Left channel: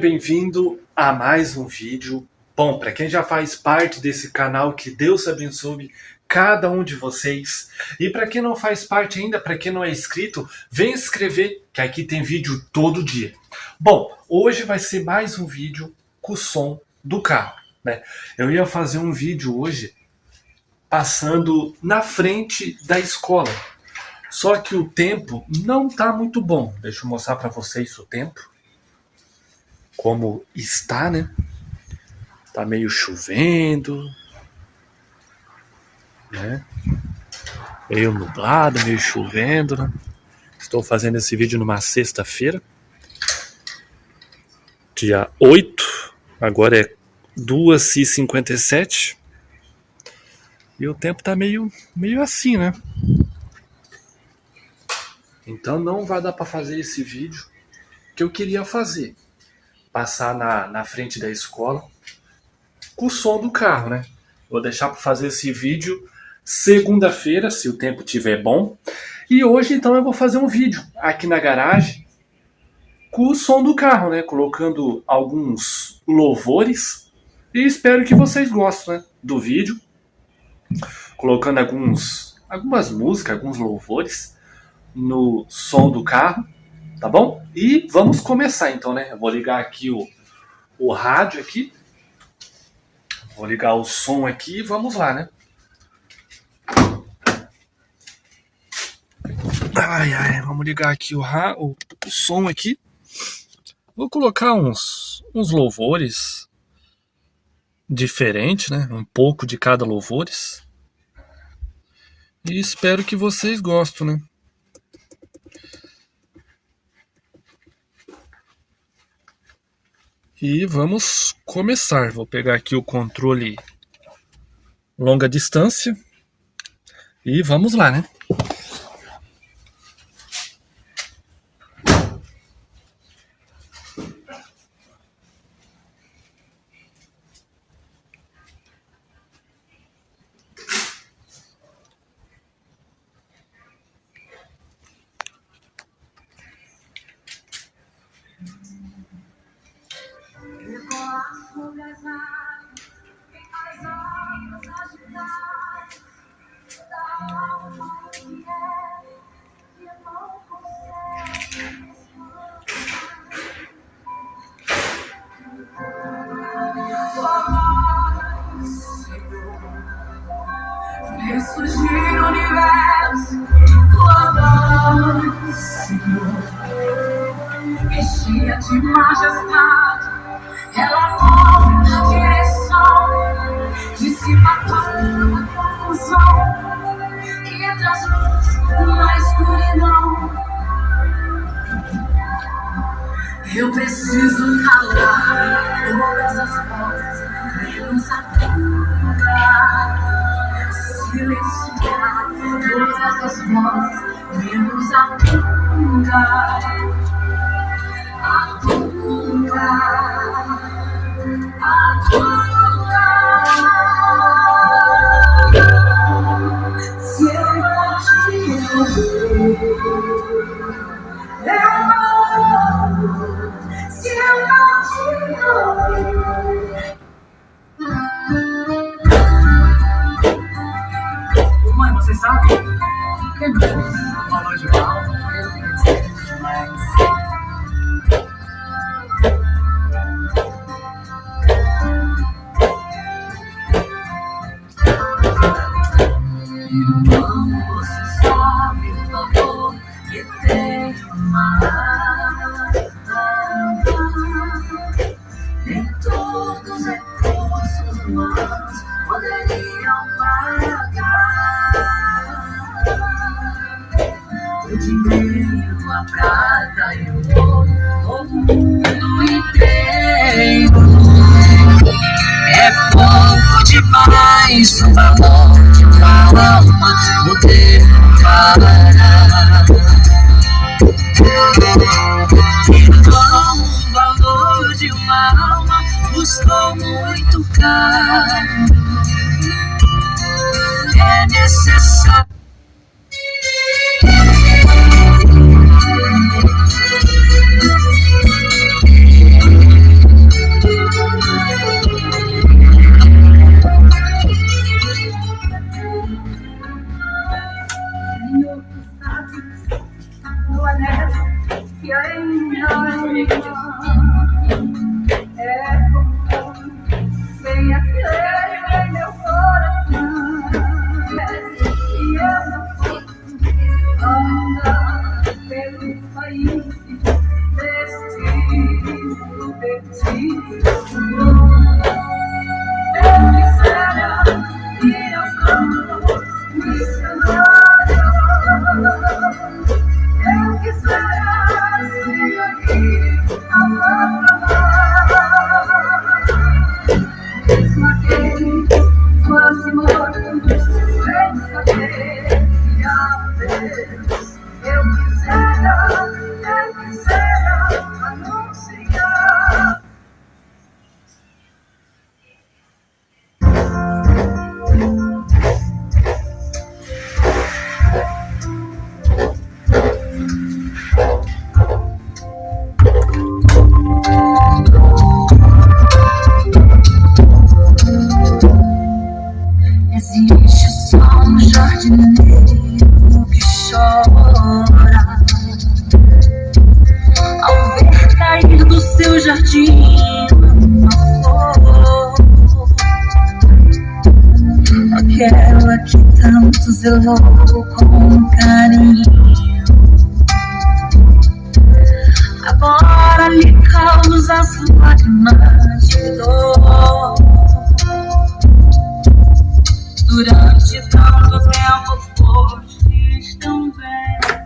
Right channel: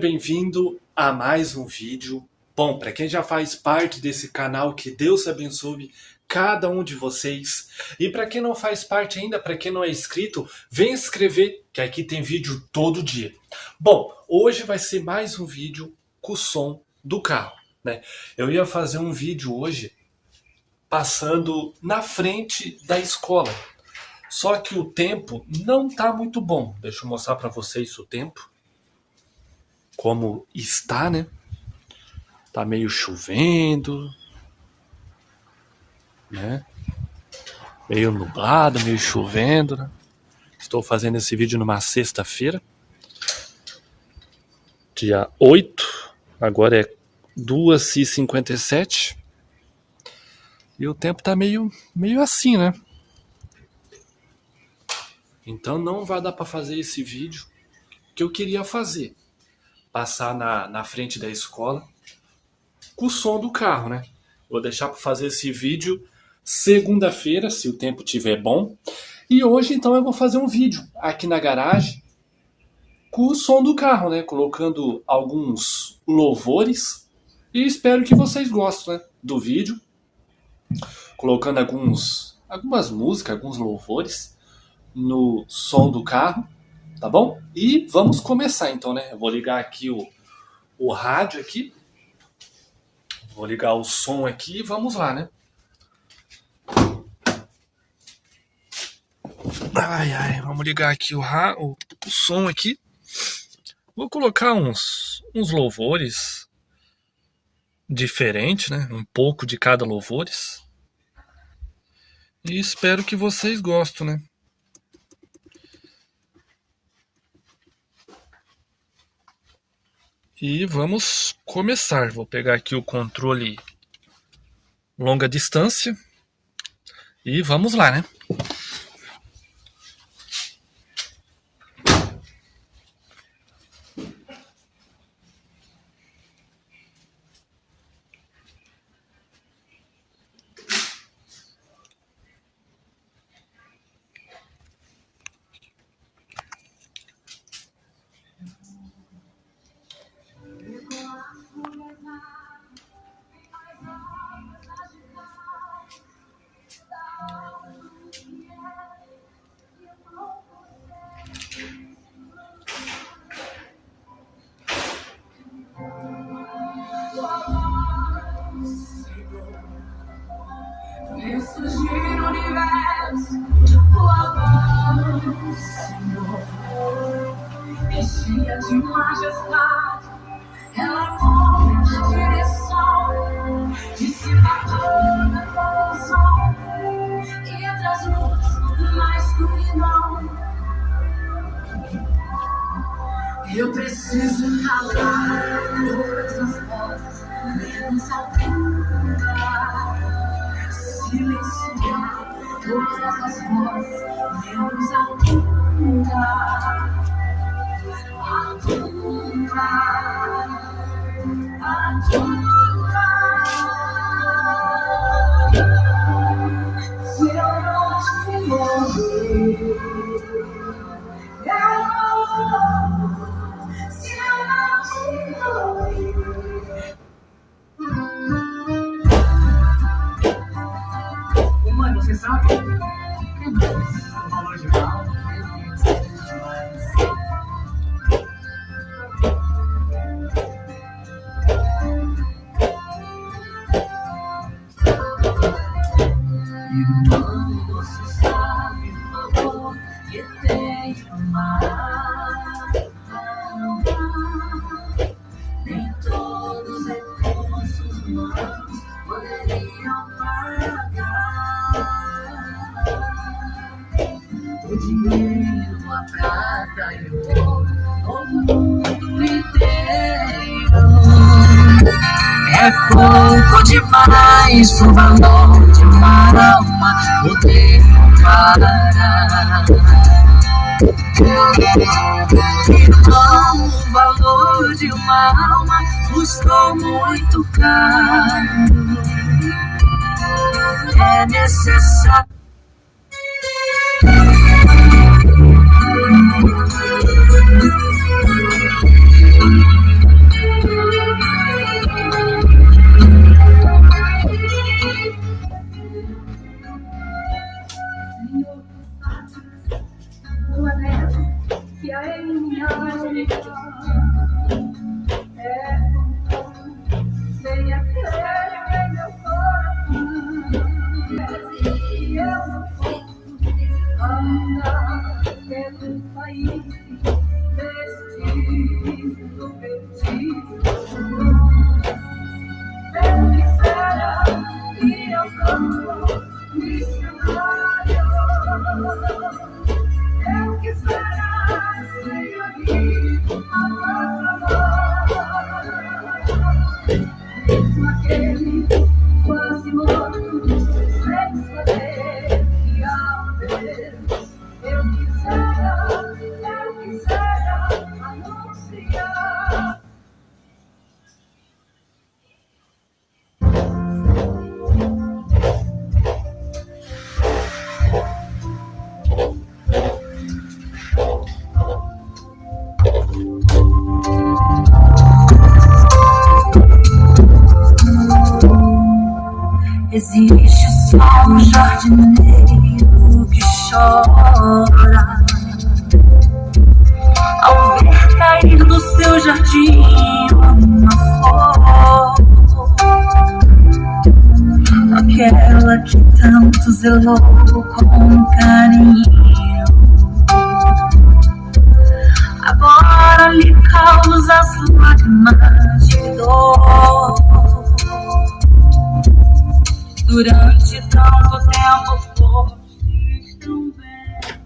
bem-vindo a mais um vídeo. Bom, para quem já faz parte desse canal, que Deus abençoe cada um de vocês. E para quem não faz parte ainda, para quem não é inscrito, vem se inscrever, que aqui tem vídeo todo dia. Bom, hoje vai ser mais um vídeo com o som do carro, né? Eu ia fazer um vídeo hoje passando na frente da escola. Só que o tempo não tá muito bom. Deixa eu mostrar para vocês o tempo. Como está, né? Tá meio chovendo, né? Meio nublado, meio chovendo, né? Estou fazendo esse vídeo numa sexta-feira, dia 8, agora é 2h57. E o tempo tá meio assim, né? Então não vai dar para fazer esse vídeo que eu queria fazer. Passar na frente da escola com o som do carro, né? Vou deixar para fazer esse vídeo segunda-feira, se o tempo estiver bom. E hoje, então, eu vou fazer um vídeo aqui na garagem com o som do carro, né? Colocando alguns louvores. E espero que vocês gostem, né, do vídeo. Colocando algumas músicas, alguns louvores no som do carro. Tá bom? E vamos começar então, né? Eu vou ligar aqui o rádio aqui. Vou ligar o som aqui e vamos lá, né? Vamos ligar aqui o som aqui. Vou colocar uns louvores diferentes, né? Um pouco de cada louvores. E espero que vocês gostem, né? E vamos começar. Vou pegar aqui o controle longa distância. E vamos lá, né? Ressurgir o universo, louvando o Senhor, cheia de majestade, ela move a direção, dissipa toda confusão, e traz luz na escuridão. Eu preciso calar todas as vozes, menos a tua. Silenciar todas as vozes, menos a tua, a tua, a tua. Se eu não te ouvir, eu não. Se eu não te ouvir. Mãe, você sabe? Valor de mal. Demais. Irmão, você sabe o valor que tem uma alma. Nem todos os recursos humanos poderiam pagar. O dinheiro, a prata e o ouro, o mundo inteiro. É pouco demais o valor de uma alma, o tempo parará. Então o valor de uma alma custou muito caro. Existe só um jardineiro que chora ao ver cair do seu jardim uma flor, aquela que tanto zelou com carinho. Agora lhe causa as lágrimas de dor. Durante tanto tempo foste tão bela.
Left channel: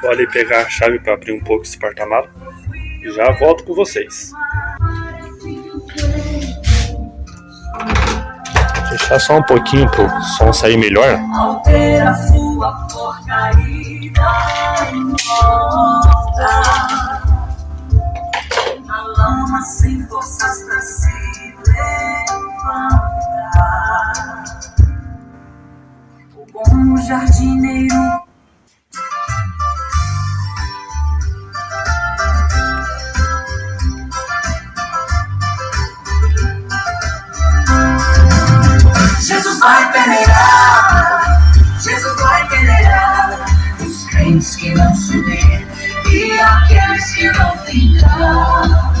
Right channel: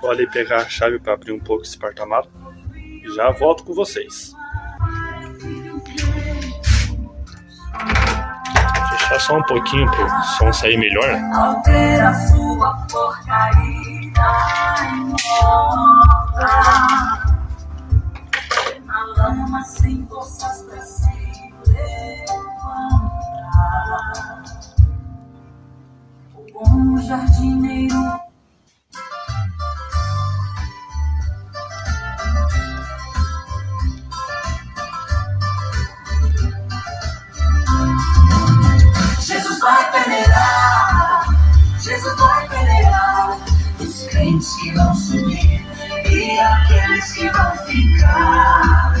Vou ali pegar a chave para abrir um pouco esse porta-mala e já volto com vocês. Fechar só um pouquinho pro som sair melhor. Ao ver a sua flor caída e morta, na lama sem forças pra se levantar, o bom jardineiro Jesus vai peneirar, Jesus vai peneirar os crentes que vão subir e aqueles que vão ficar.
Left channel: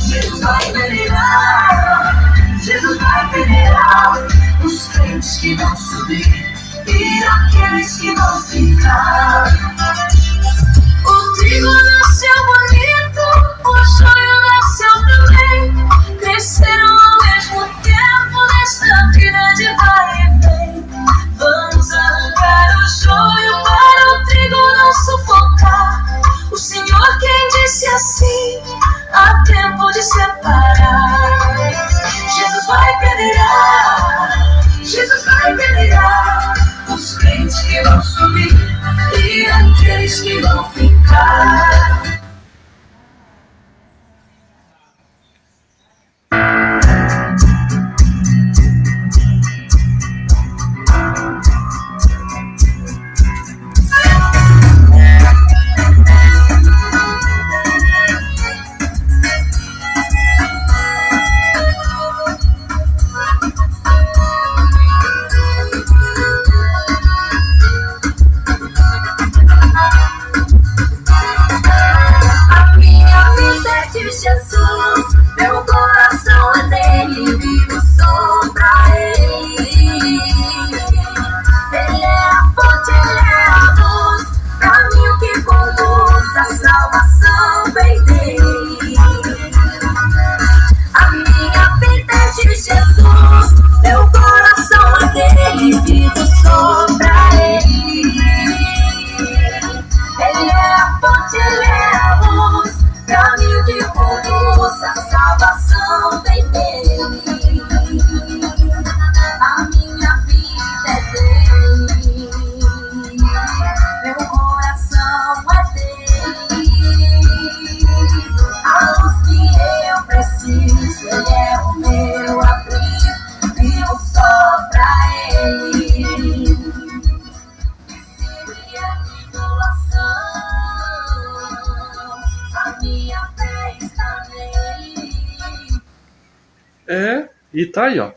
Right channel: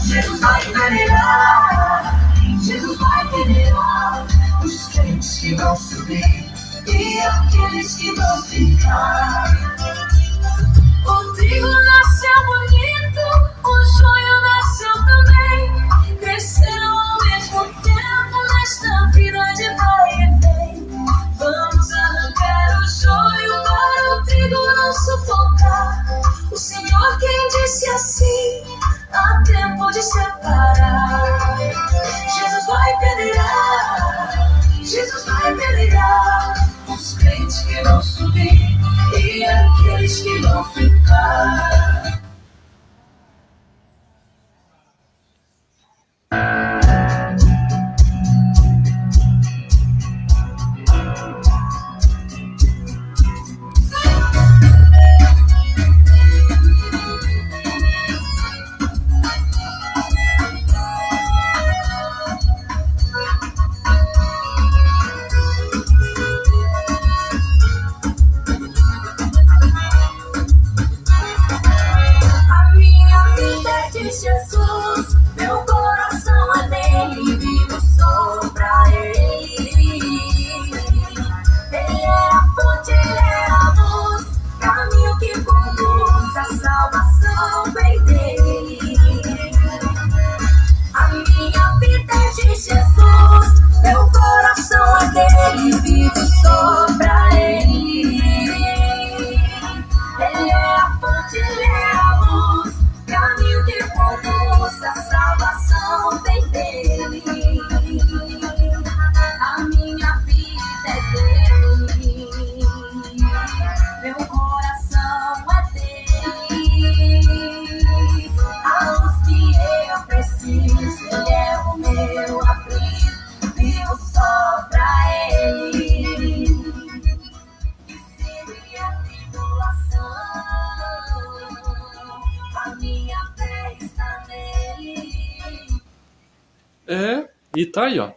Jesus vai peneirar, Jesus vai peneirar os crentes que vão subir e aqueles que vão ficar. O trigo nasceu bonito, o joio nasceu também, cresceram ao mesmo tempo nesta vida de vai e vem. Vamos arrancar o joio para o trigo não sufocar. O Senhor quem disse assim, há tempo de separar. Jesus vai peneirar, Jesus vai peneirar os crentes que vão subir e aqueles que vão ficar. A minha vida é de Jesus, meu coração é dele, vivo só pra ele. Ele é a fonte, ele é a luz, caminho que conduz, a salvação vem dele. A minha vida é de Jesus, meu coração é dele, vivo só pra ele. Ele é a fonte, ele é a luz, caminho que conduz, a salvação vem dele. A minha vida é dele, meu coração é dele. A luz que eu preciso, ele é o meu abrigo, vivo só pra ele. Se vier tribulação, a minha fé está nele. E tá aí, ó.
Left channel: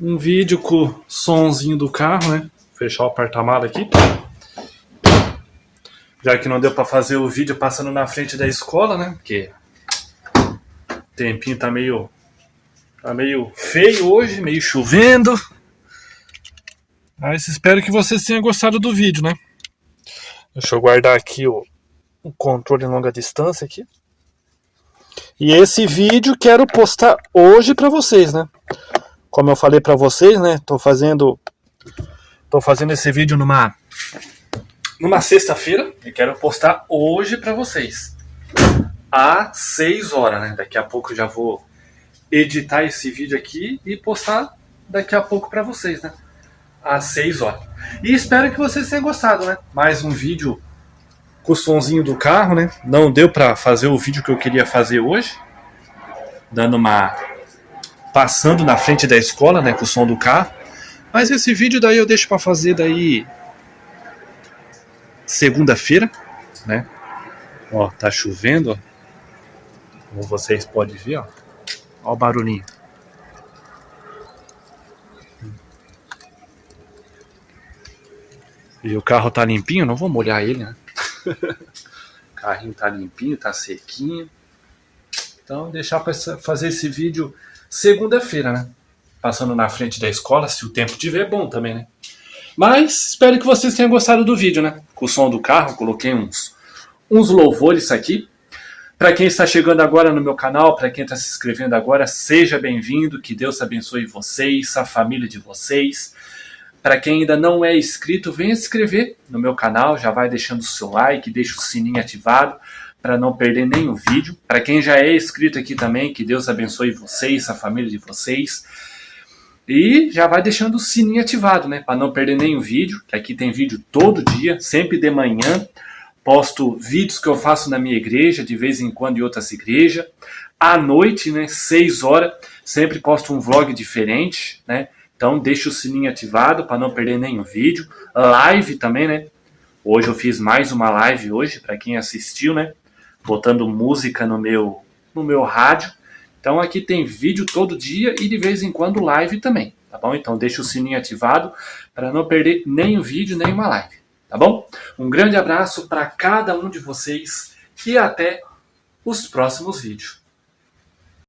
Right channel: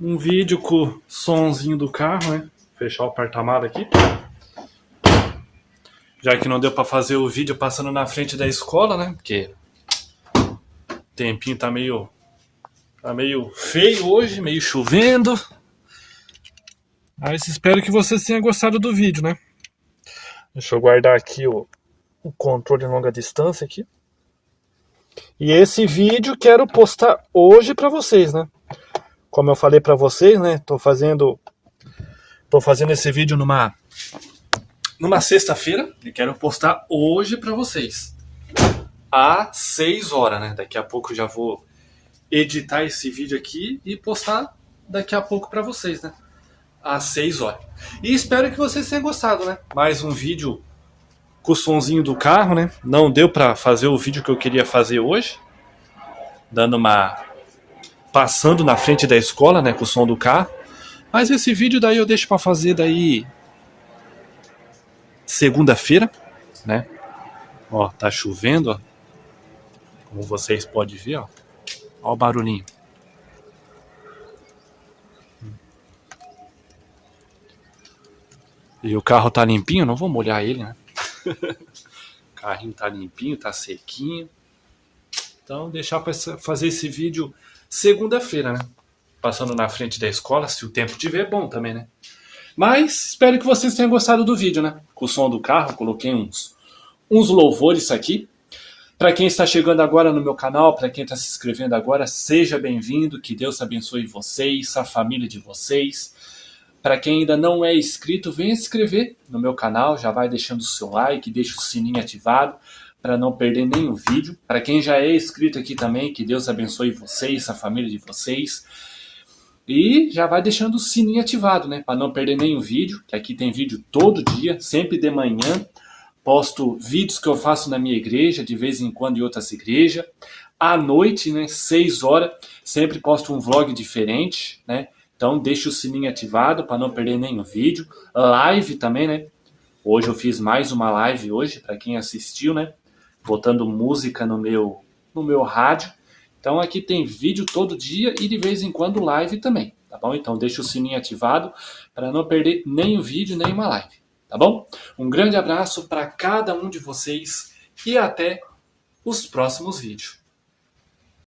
Um vídeo com o sonzinho do carro, né? Fechar o porta-mala aqui. Já que não deu pra fazer o vídeo passando na frente da escola, né? Porque o tempinho tá meio feio hoje, meio chovendo. Mas espero que vocês tenham gostado do vídeo, né? Deixa eu guardar aqui o controle em longa distância aqui. E esse vídeo quero postar hoje pra vocês, né? Como eu falei pra vocês, né? Tô fazendo esse vídeo numa sexta-feira e quero postar hoje pra vocês. Às 6 horas, né? Daqui a pouco eu já vou editar esse vídeo aqui e postar daqui a pouco pra vocês, né? Às 6 horas. E espero que vocês tenham gostado, né? Mais um vídeo com o sonzinho do carro, né? Não deu pra fazer o vídeo que eu queria fazer hoje. Passando na frente da escola, né? Com o som do carro. Mas esse vídeo daí eu deixo pra fazer daí segunda-feira, né? Ó, tá chovendo, ó. Como vocês podem ver, ó. Ó o barulhinho. E o carro tá limpinho, não vou molhar ele, né? O carrinho tá limpinho, tá sequinho. Então, deixar para fazer esse vídeo segunda-feira, né? Passando na frente da escola, se o tempo tiver, bom também, né? Mas espero que vocês tenham gostado do vídeo, né? Com o som do carro, coloquei uns louvores aqui. Para quem está chegando agora no meu canal, para quem está se inscrevendo agora, seja bem-vindo, que Deus abençoe vocês, a família de vocês. Para quem ainda não é inscrito, venha se inscrever no meu canal, já vai deixando o seu like, deixa o sininho ativado para não perder nenhum vídeo. Para quem já é inscrito aqui também, que Deus abençoe vocês, a família de vocês. E já vai deixando o sininho ativado, né? Para não perder nenhum vídeo, que aqui tem vídeo todo dia, sempre de manhã. Posto vídeos que eu faço na minha igreja, de vez em quando em outras igrejas. À noite, né, 6 horas, sempre posto um vlog diferente, né? Então deixa o sininho ativado para não perder nenhum vídeo. Live também, né? Hoje eu fiz mais uma live hoje, para quem assistiu, né? Botando música no meu rádio. Então aqui tem vídeo todo dia e de vez em quando live também, tá bom? Então deixa o sininho ativado para não perder nem o vídeo, nem uma live, tá bom? Um grande abraço para cada um de vocês e até os próximos vídeos.